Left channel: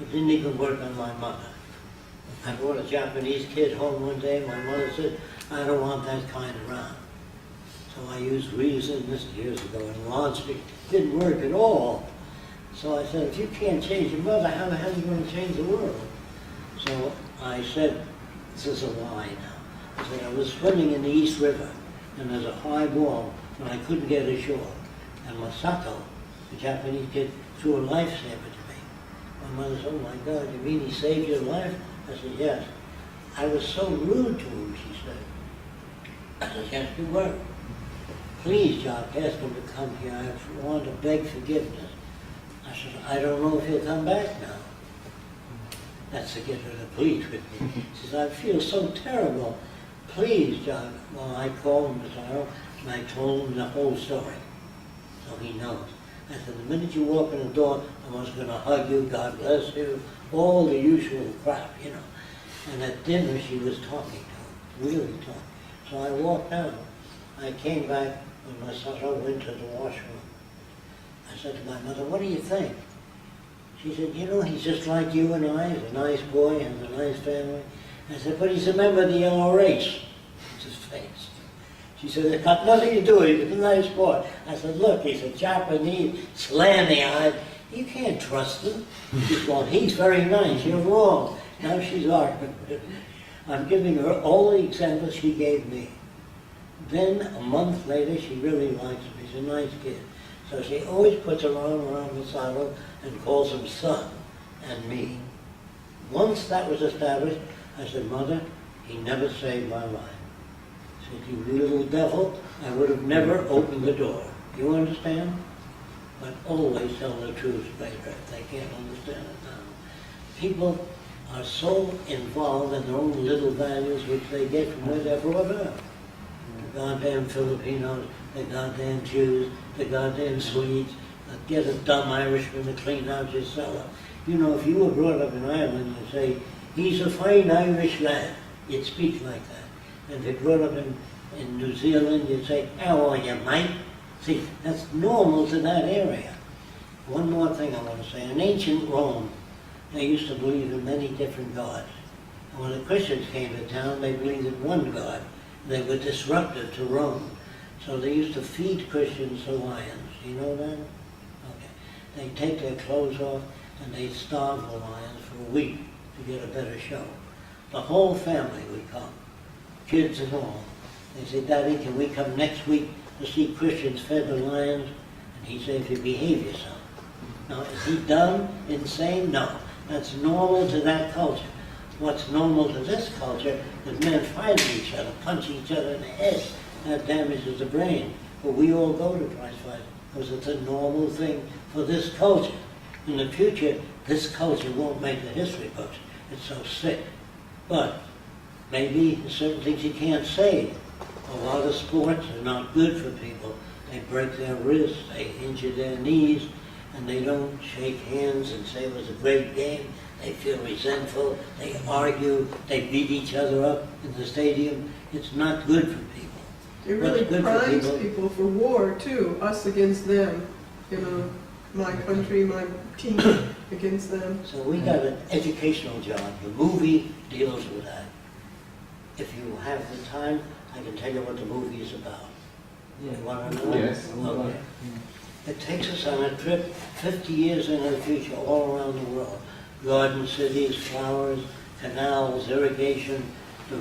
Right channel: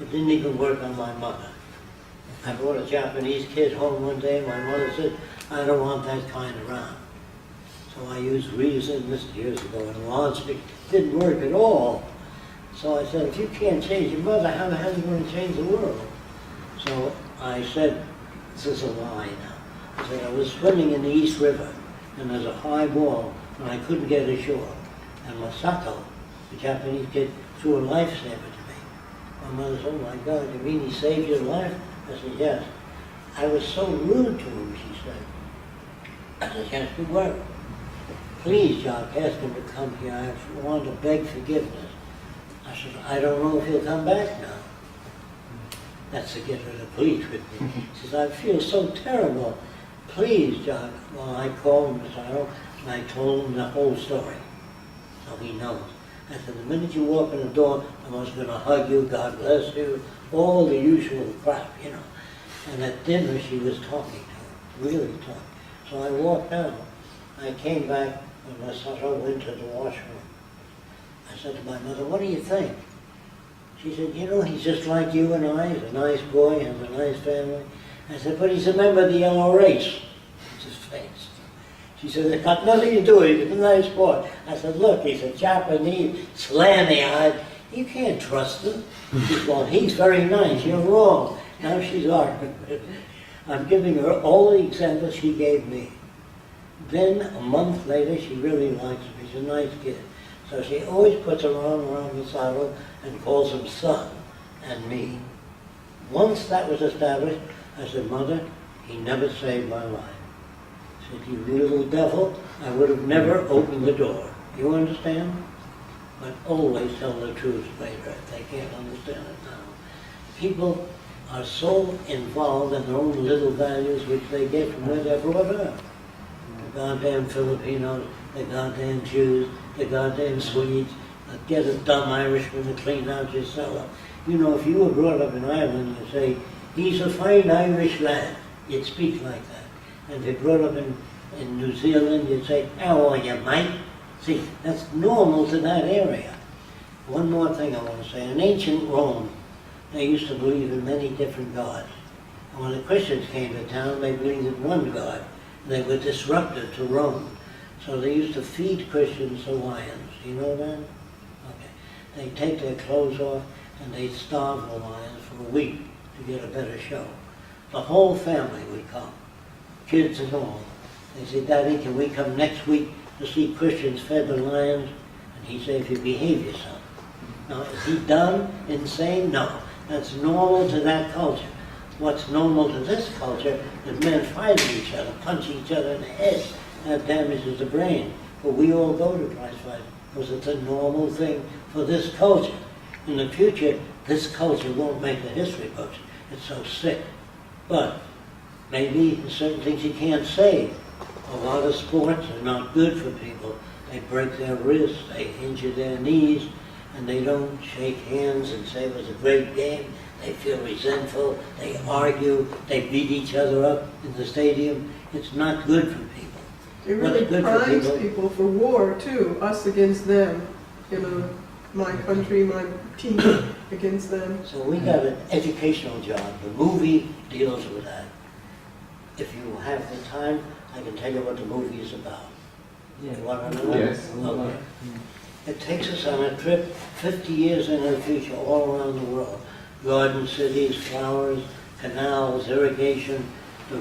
It didn't even work on my mother. I brought a Japanese kid home one day. My mother said, I don't want that kind around. So I used reason, this years ago, and logic. Didn't work at all. So I said, if you can't change your mother, how the hell are you going to change the world? So I said, this is a lie now. I said, I was swimming in the East River, and there's a high wall, and I couldn't get ashore. And Masato, the Japanese kid, threw a lifesaver to me. My mother said, oh my God, you mean he saved your life? I said, yes. I was so rude to him, she said. I said, yes, you were. Please, Jacque, ask him to come here. I want to beg forgiveness. I said, I don't know if he'll come back now. That's to get her to plead with me. She says, I feel so terrible. Please, Jacque. Well, I called Miss Arrow, and I told him the whole story. So he knows. I said, the minute you walk in the door, I was going to hug you, God bless you, all the usual crap, you know. And at dinner, she was talking to him, really talking. So I walked out. I came back when Masato went to the washroom. I said to my mother, what do you think? She said, you know, he's just like you and I. He's a nice boy, has a nice family. I said, but he's a member of the yellow race. It's his face. She said, it's got nothing to do with it. He's a nice boy. I said, look, he's a Japanese, slammy-eyed. You can't trust him. She said, well, he's very nice. You're wrong. Now she's arguing with me. I'm giving her all the examples she gave me. Then, a month later, she really likes him. He's a nice kid. So she always puts her arm around Masato and calls him son and me. Once that was established, I said, Mother, he never saved my life. I said, you little devil, I would have never opened the door. You understand? But always tell the truth later if they can't understand it now. People are so involved in their own little values which they get from where they're brought up. The goddamn Filipinos, the goddamn Jews, the goddamn Swedes, get a dumb Irishman to clean out your cellar. You know, if you were brought up in Ireland, you say, he's a fine Irish lad. You'd speak like that. And if you're brought up in New Zealand, you'd say, how are you, mate? See, that's normal to that area. One more thing I want to say. In ancient Rome, they used to believe in many different gods. And when the Christians came to town, they believed in one God. They were disruptive to Rome. So they used to feed Christians to lions. You know that? Okay. They'd take their clothes off and they'd starve the lions for a week to get a better show. The whole family would come, kids and all. They say, Daddy, can we come next week to see Christians fed the lions? And he'd say, if you behave yourself. Now, is he dumb, insane? No. That's normal to that culture. What's normal to this culture is men fighting each other, punching each other in the head. That damages the brain. But we all go to prize fighting because it's a normal thing for this culture. In the future, this culture won't make the history books. It's so sick. But maybe there's certain things you can't say. A lot of sports are not good for people. They break their wrists, they injure their knees, and they don't shake hands and say it was a great game. They feel resentful, they argue, they beat each other up in the stadium. It's not good for people. It really primes people for war, too, us against them. You know, my country, my team against them. So we got an educational job. The movie deals with that. If you have the time, I can tell you what the movie is about. Yeah. You want to know? Yes. Okay. It takes us on a trip 50 years into the future all around the world. Garden cities, flowers, canals, irrigation, the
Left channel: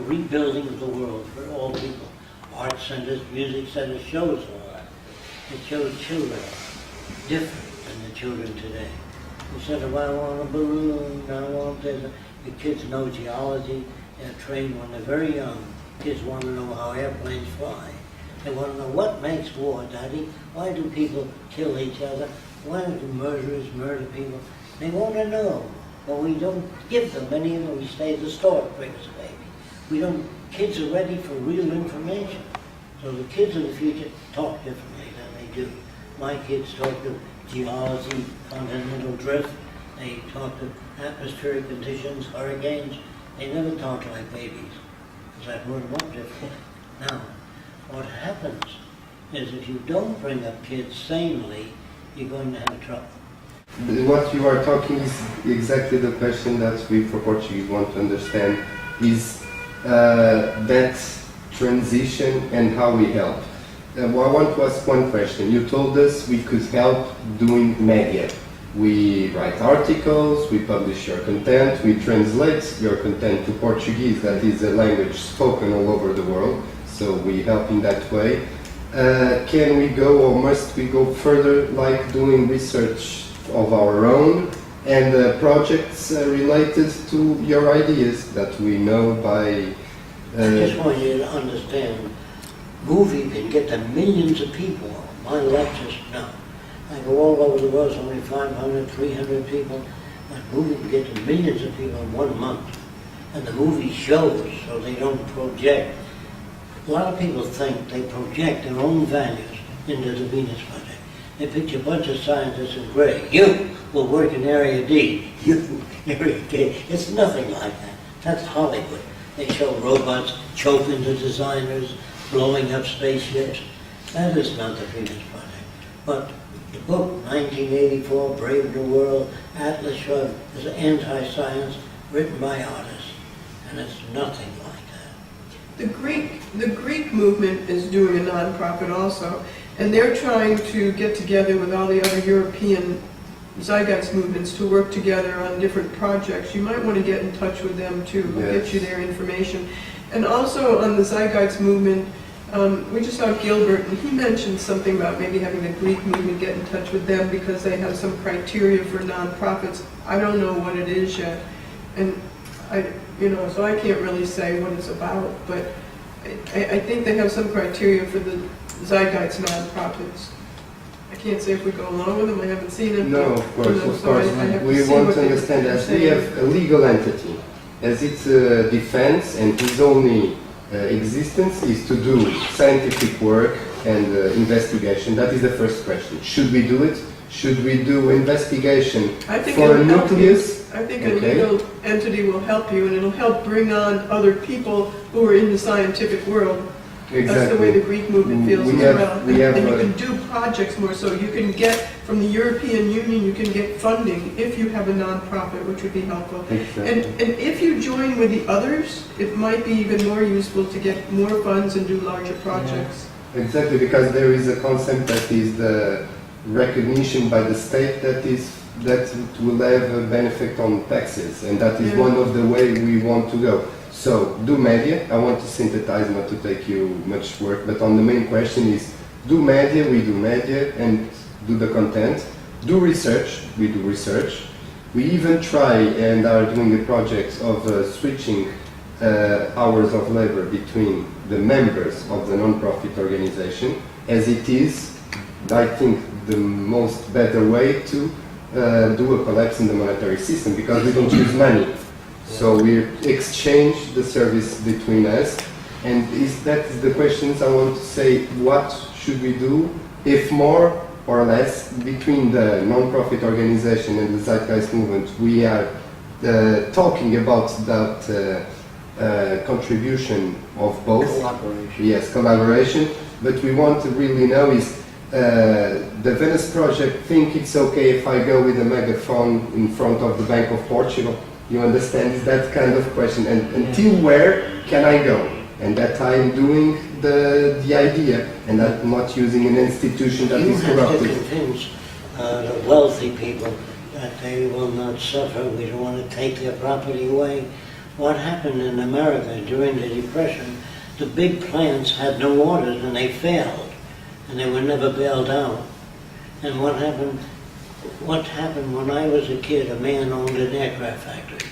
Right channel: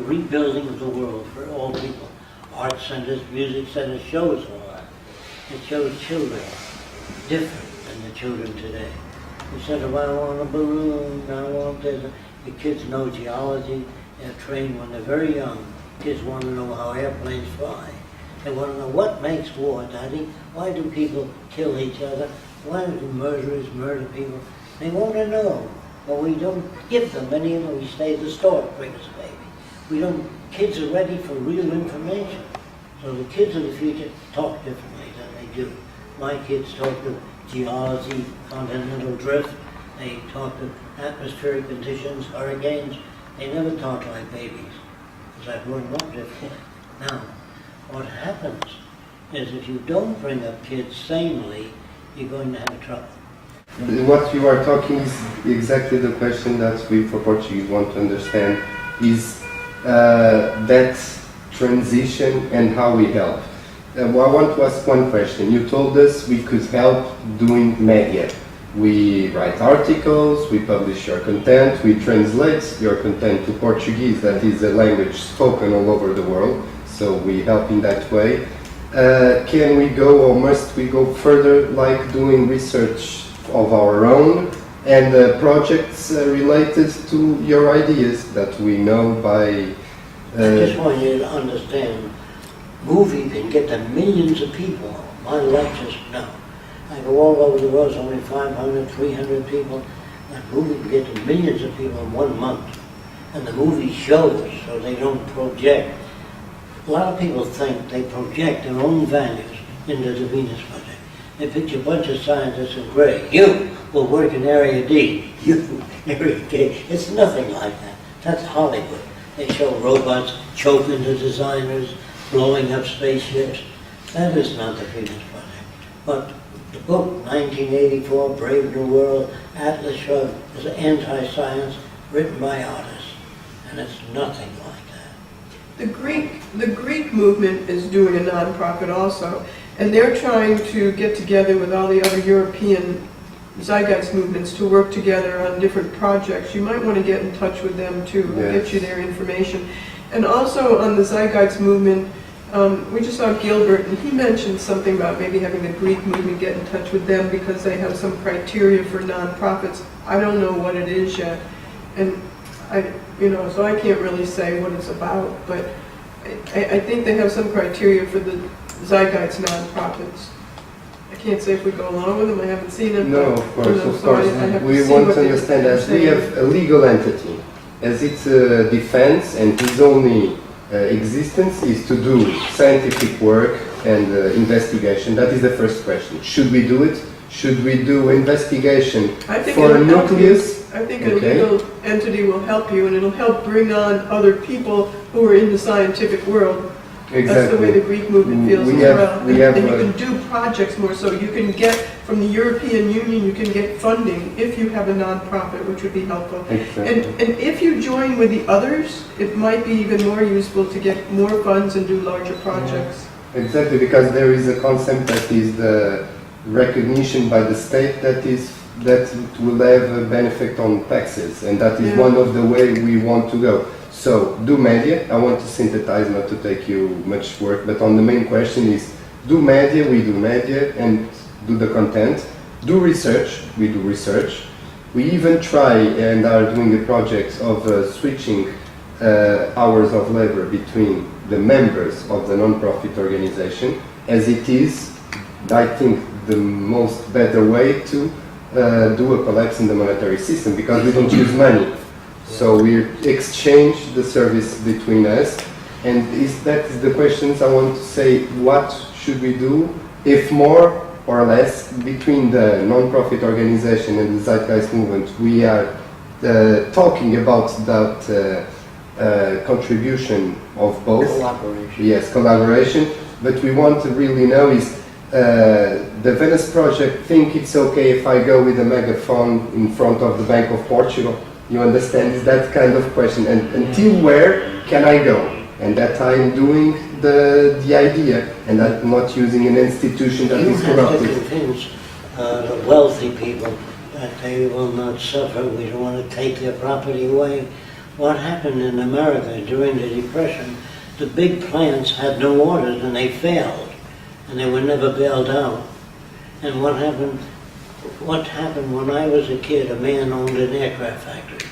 rebuilding of the world for all people. Art centers, music centers, shows all that. It shows children different than the children today. Instead of, I want a balloon, I want this. The kids know geology. They're trained when they're very young. Kids want to know how airplanes fly. They want to know what makes war, Daddy. Why do people kill each other? Why do murderers murder people? They want to know. But we don't give them any of them. We stay at the store to bring us a baby. We don't, kids are ready for real information. So the kids of the future talk differently than they do. My kids talk to geology, continental drift. They talk to atmospheric conditions, hurricanes. They never talk like babies, because I brought them up differently. Now, what happens is if you don't bring up kids sanely, you're going to have trouble. What you are talking is exactly the question that we for Portuguese want to understand, is that transition and how we help. Well, I want to ask one question. You told us we could help doing media. We write articles, we publish your content, we translate your content to Portuguese, that is a language spoken all over the world, so we help in that way. Can we go, or must we go further, like doing research of our own and projects related to your ideas that we know by... I just want you to understand, movie can get to millions of people. My lectures, no. I go all over the world, it's only 500, 300 people. That movie can get to millions of people in 1 month. And the movie shows, so they don't project. A lot of people think they project their own values into the Venus Project. They picture a bunch of scientists in gray. You will work in Area D. You, Area D. It's nothing like that. That's Hollywood. They show robots choking the designers, blowing up spaceships. That is not the Venus Project. But the book, 1984, Brave New World, Atlas Shrugged, is anti-science, written by artists. And it's nothing like that. The Greek movement is doing a nonprofit also, and they're trying to get together with all the other European zeitgeist movements to work together on different projects. You might want to get in touch with them too, Yes. get you their information. And also on the zeitgeist movement, we just saw Gilbert, and he mentioned something about maybe having the Greek movement get in touch with them because they have some criteria for nonprofits. I don't know what it is yet, and so I can't really say what it's about, but I think they have some criteria for the zeitgeist nonprofits. I can't say if we go along with them, I haven't seen it. No, but, of course, so of course. I have to We see want what to they- understand they're as we saying. have a legal entity, as its defense and its only existence is to do scientific work and investigation. That is the first question. Should we do it? Should we do investigation I think for a it'll help you. nucleus? I think a Okay. legal entity will help you, and it'll help bring on other people who are in the scientific world. That's the way the Greek movement feels We as have- well. we have, And you can do projects more so. You can get, from the European Union, you can get funding if you have a nonprofit, which would be helpful. Exactly. And if you join with the others, it might be even more useful to get more funds and do larger projects. Exactly, because there is a concept that is the recognition by the state that it will have a benefit on taxes, and that is Yeah. one of the way we want to go. So, do media. I want to synthesize, not to take you much work, but on the main question is, do media, we do media, and do the content. Do research, we do research. We even try and are doing a project of switching hours of labor between the members of the non-profit organization, as it is, I think, the most better way to do a collapse in the monetary system, because we don't use money. So we exchange the service between us, and that is the questions I want to say. What should we do, if more or less, between the non-profit organization and the zeitgeist movement? We are talking about that contribution of both. Cooperation. Yes, collaboration. But we want to really know is the Venice Project think it's okay if I go with a megaphone in front of the Bank of Portugal? You understand? Is that kind of question. And until where can I go? And that I'm doing the idea, and I'm not using an institution that You is have to corrupted. convince the wealthy people that they will not suffer. We don't want to take their property away. What happened in America during the Depression, the big plants had no orders and they failed, and they were never bailed out. And what happened when I was a kid, a man owned an aircraft factory,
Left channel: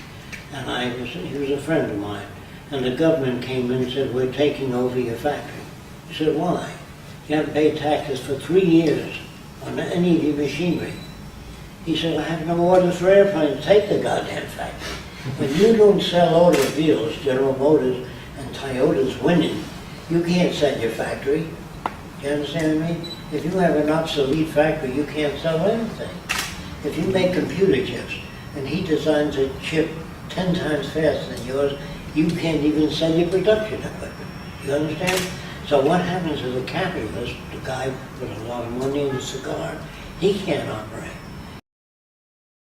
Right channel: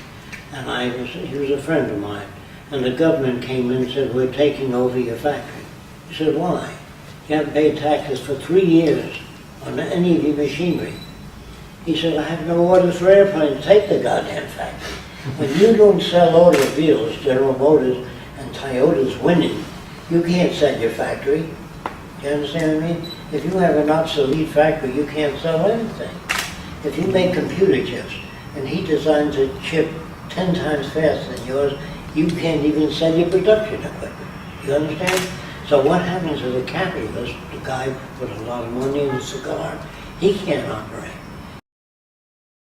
and he was a friend of mine, and the government came in and said, we're taking over your factory. He said, why? You haven't paid taxes for 3 years on any of your machinery. He said, I have no orders for airplanes, take the goddamn factory. When you don't sell automobiles, General Motors and Toyota's winning, you can't sell your factory. You understand what I mean? If you have an obsolete factory, you can't sell anything. If you make computer chips and he designs a chip 10 times faster than yours, you can't even sell your production equipment. You understand? So what happens to the capitalist, the guy with a lot of money and a cigar, he can't operate.